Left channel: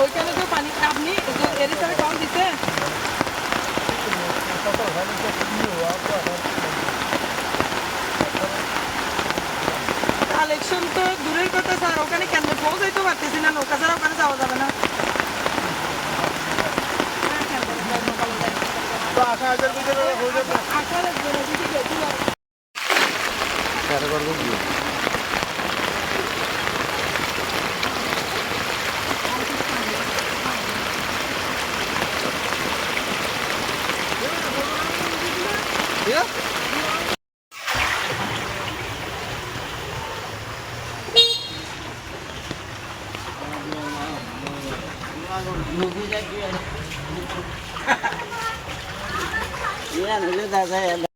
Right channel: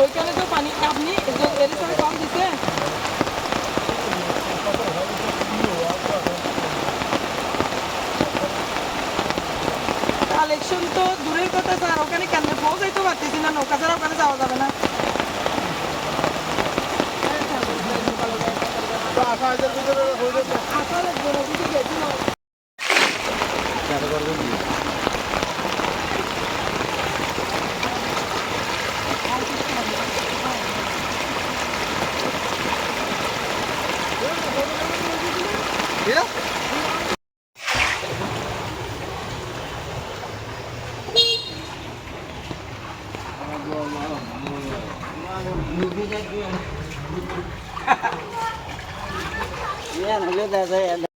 ওইখানে তো পানি আপনি এর সাথে কম দিতে কালেকশন তো দূরের কথা স্যার ওখানে কেন? পৌঁছাইতে পারতেছি না, নৌকা ছাড়া ওখানে যাওয়া যাবে না। Yeah? Movie like you. બેન લેતા જાય